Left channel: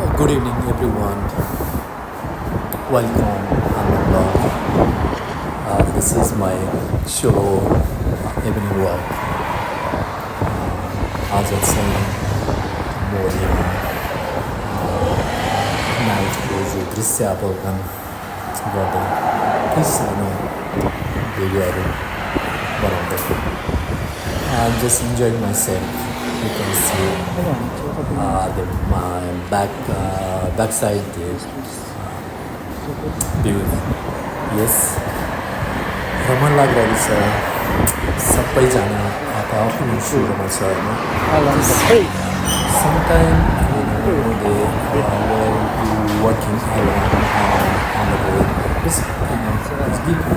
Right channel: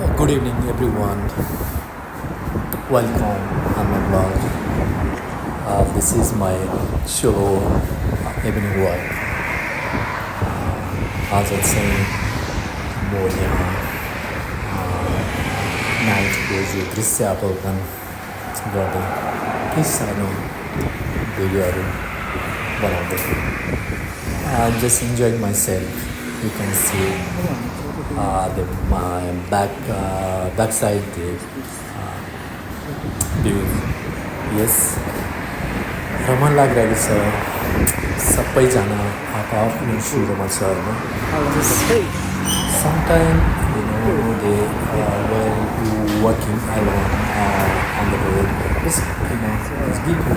Good evening, everyone. Welcome on my blog. This is my solo evening walk. आज चाहिँ म यहाँ नाइटको जो दृश्य अवलोकन गर्दै केही सानो भिडियोहरू बनाउँदै I'm just enjoying myself. You can see my backside the view. Yes, रमाइलो लागिरहेको छ सबैजना आफ्नो सुरुमा छ होइन sometimes they when you working alone on the road just just give you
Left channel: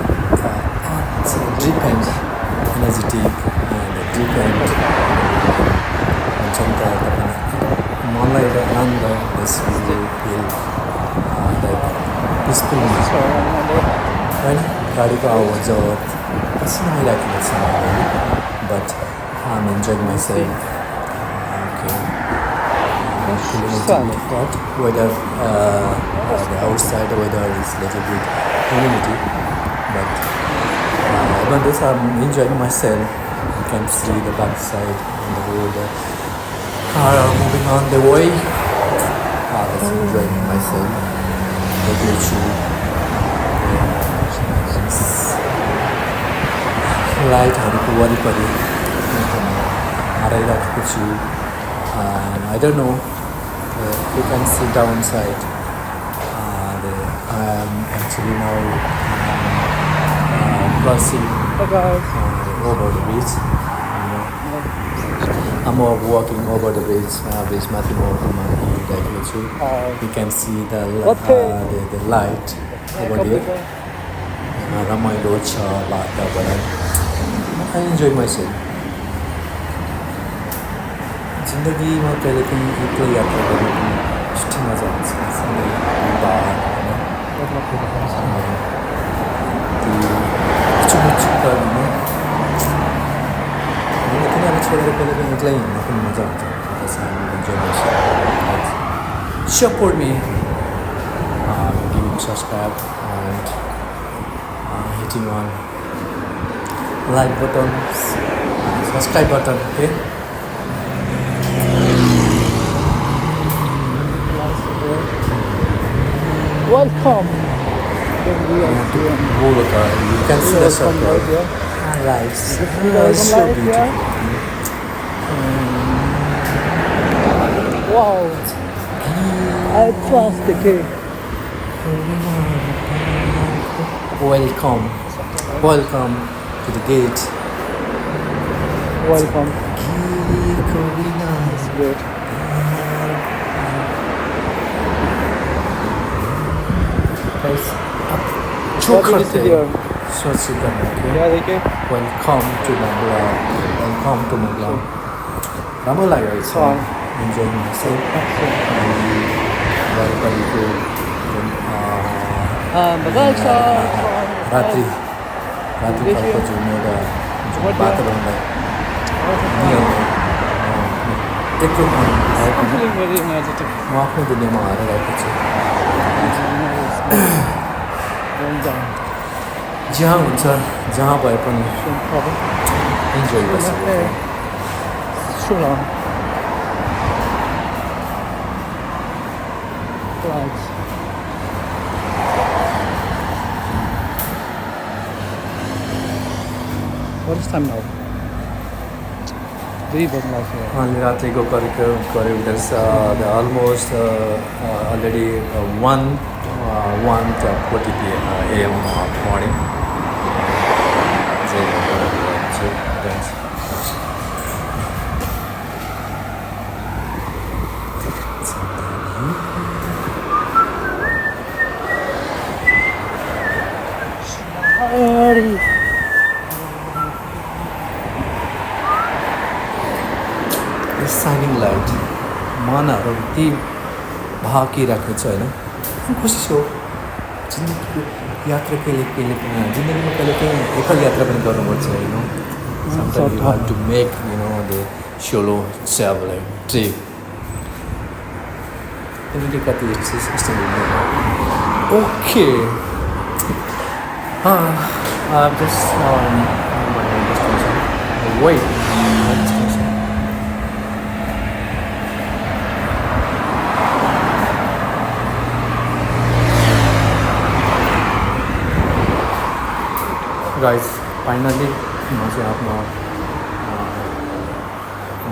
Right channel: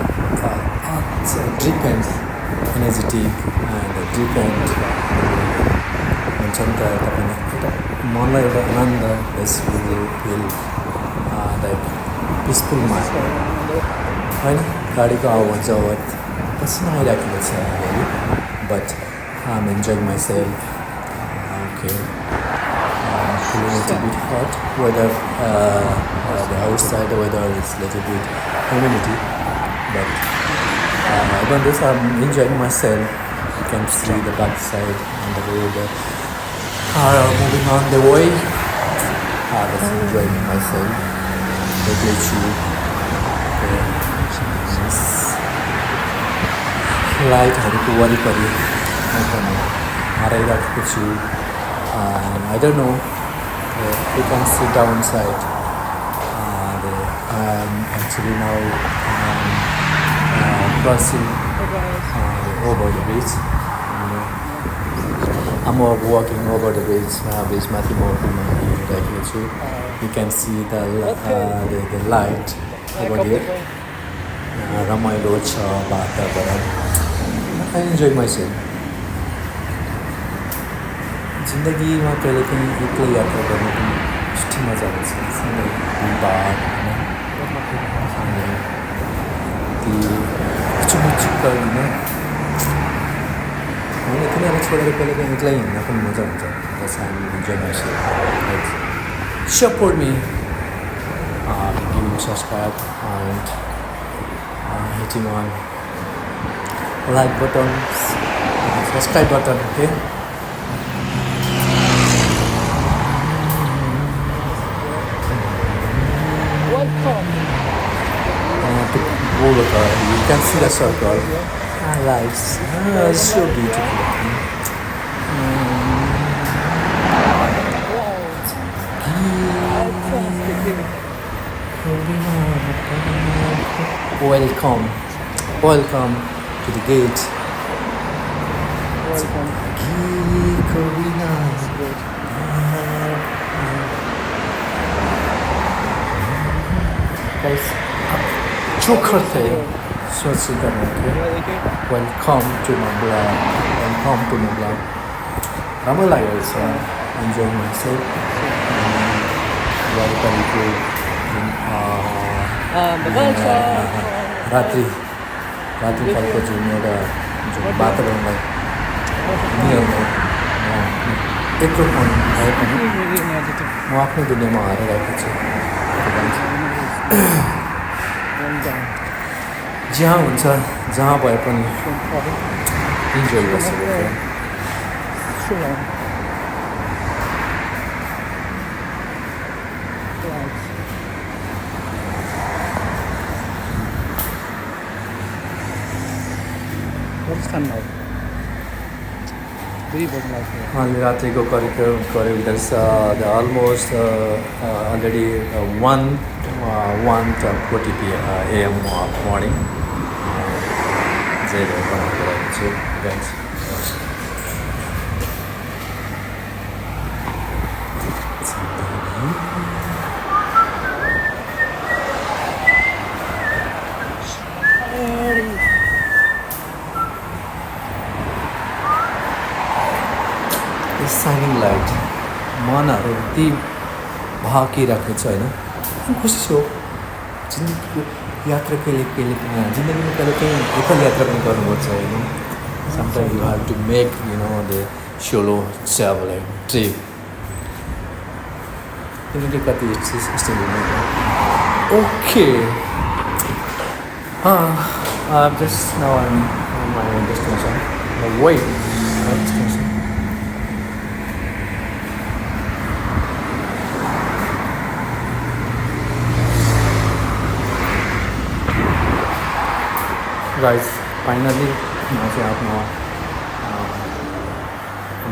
it's different energetic and different हुन्छ नि त तपाईँलाई एउटा मनलाई एउटा आनन्द यस फिल लाइक पिसफुलमा होइन गाडीको आवाज जवत पसिना आइराखेको छ अलिअलि but I'm enjoying myself. Okay, feeling a little bit hot weather. The outside weather is a little bit humidity, but even this I'm enjoying myself. You can see the backside on the road. Car are moving on the way. That's enjoying myself. Totally chill. लाइटहरूको वरिपरि हराइराखेको छु I don't know you can see downside I am actually now crossing over the bridge I'm walking over the bridge माथि म पुलमा हिँडिरहेको छु you can see the light over here रमाइलो छ वातावरण I enjoy myself. जिन्दगीमा कहिले पनि एक्लै यात्रा गर्न पनि छिटो मजा आउँछ सँगै भिडभाड होइन ती चुमुचुक्क होइन तिनीहरूलाई छोडेर कहिले पनि एक्लै हिँड्न पनि मजा हुन्छ That's how I enjoy myself. Like, support me, giving subscribe and hitting on like buttons and subscribe button. Okay, welcome. You can see the circle. Lights so beautiful. Wow, I trust the king. Welcome to the gate. Welcome. Guys, choker थे सोच करने के welcome to my blog राम्रो लाग्यो छ enjoying myself वरिपरिको रात्रि कालको जुन एउटा जुन वातावरणलाई नियमलाई यत्रो मन भए पनि म आफ्नो दुनियाँमा हराइरहेको छु जहाँ हुन्छ जहाँ भए पनि इन्जोय गर्छु What's time now? Very bad life here. अहिले रात्रिको करिब there's almost already 1:40 AM morning. जहिले गरिरहेको छु guys. साइनिङ लाइट मनहरू ती भाकिरहेको छ होइन खुसी छु जिन्दगीको यात्रा जिन्दगीमा कहिले काहीँ एकल यात्रा पनि गर्नुपर्छ होइन sometime you have to make the solo travel trip तिमीले कति स्टेज हुने okay just now I'm my destination wait my destination guys finally म चाहिँ आफ्नो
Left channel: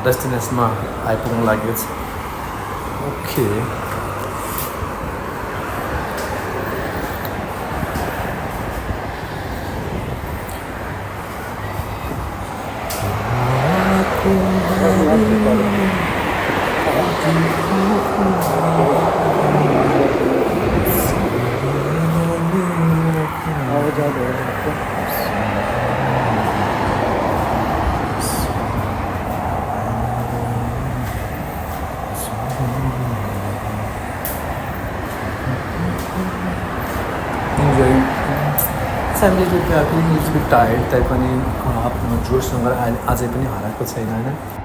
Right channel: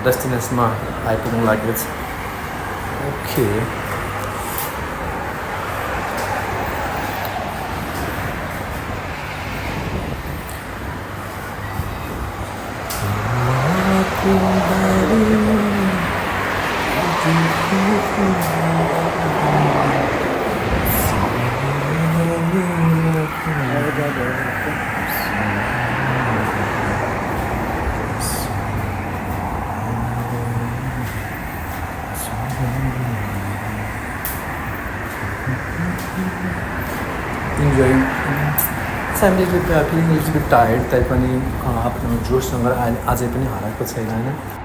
डेस्टिनेसनमा आइपुग्नु लागेको छ okay enjoy family feeling little bit tired तैपनि आफ्नो जोससँग अझै पनि हराएको छैन होइन